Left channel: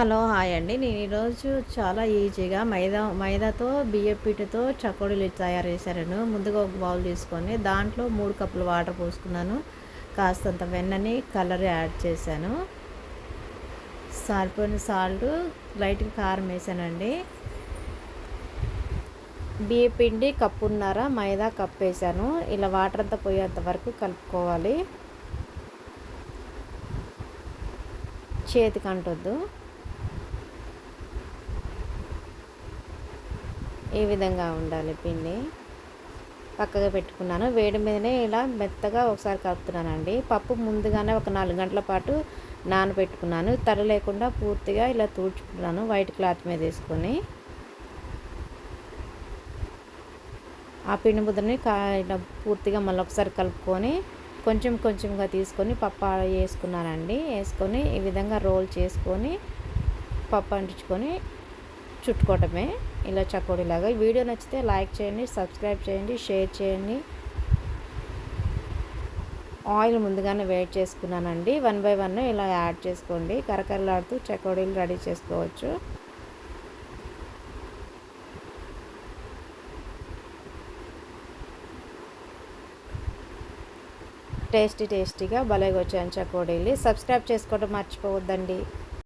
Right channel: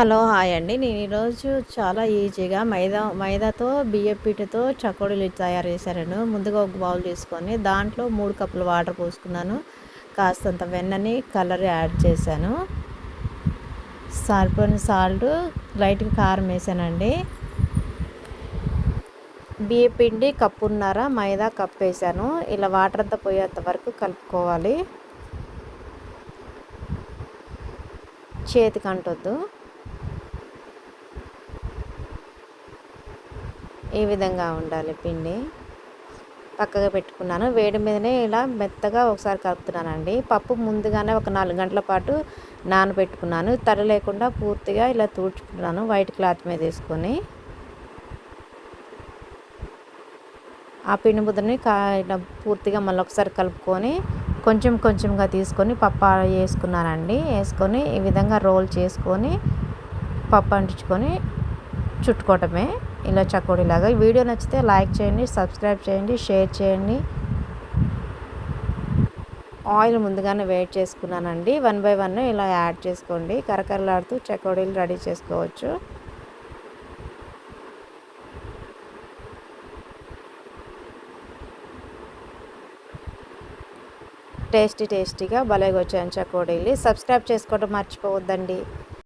Hello hi అండి. నేను ఈరోజు చాలా ఈజీగా మైదాతో బియ్యం పిండితో చకోడీలు తయారు చేశాను. ముందుగా ఒక బౌల్ తీసుకొని దాంట్లో 3 కప్పులు వాటర్ పోసుకున్నాను. కాస్తంత వెన్నని కలర్ యాడ్ చేశాను. సరిపోయిన సాల్ట్, లైట్గా కారం వేసానండి. బియ్యం పిండి కప్పున్నర, మైదా కప్ వేసాను. ఇలా వాటర్ అంతా పోయేంత వరకు కలుపుకోవాలి. చేతికి అంటొద్దు. ఈ విధంగా ఉండాలి పిండి. పక్కగా పెట్టుకున్నాను. వేడి మీదనే ఇలా మెత్తగా ఒకసారి కలుపుతున్నానండి. పప్పు ముందుగానే ఒక 4 గంటల పాటు నానబెట్టుకున్నాను. తడి లేకుండా పూర్తిగా ఇలా తూడ్చుకున్నాను వైట్ క్లాత్ మీద వేసుకొని. ఆ పిండి ముద్దని ఇలా పూర్తిగా మళ్ళీ ఒకసారి కలుపుకొని కొంచెం కొంచెంగా తీసుకొని పప్పు వేసుకున్నానండి. వేసుకొని ఈ విధంగా రోల్ చేసుకొని పప్పు అంటించుకొని చుట్టుకోవటమే ఇలా చకోడీలాగా. ఈ వీడియో నచ్చితే లైక్ చేయండి, సబ్స్క్రైబ్ చేయండి, షేర్ చేయండి. ఆయిల్ ముందుగానే వేడి చేసుకున్నానండి. 1 బై 1 ఇలా యాడ్ చేసుకోండి. కరకరలాడుతూ చకోడీలు రెడీ చేసుకోవచ్చు. టేస్టీగా భలేగా వచ్చాయి చకోడీలు. సబ్స్క్రైబ్ చేసుకోవడం మర్చిపోవద్దండి.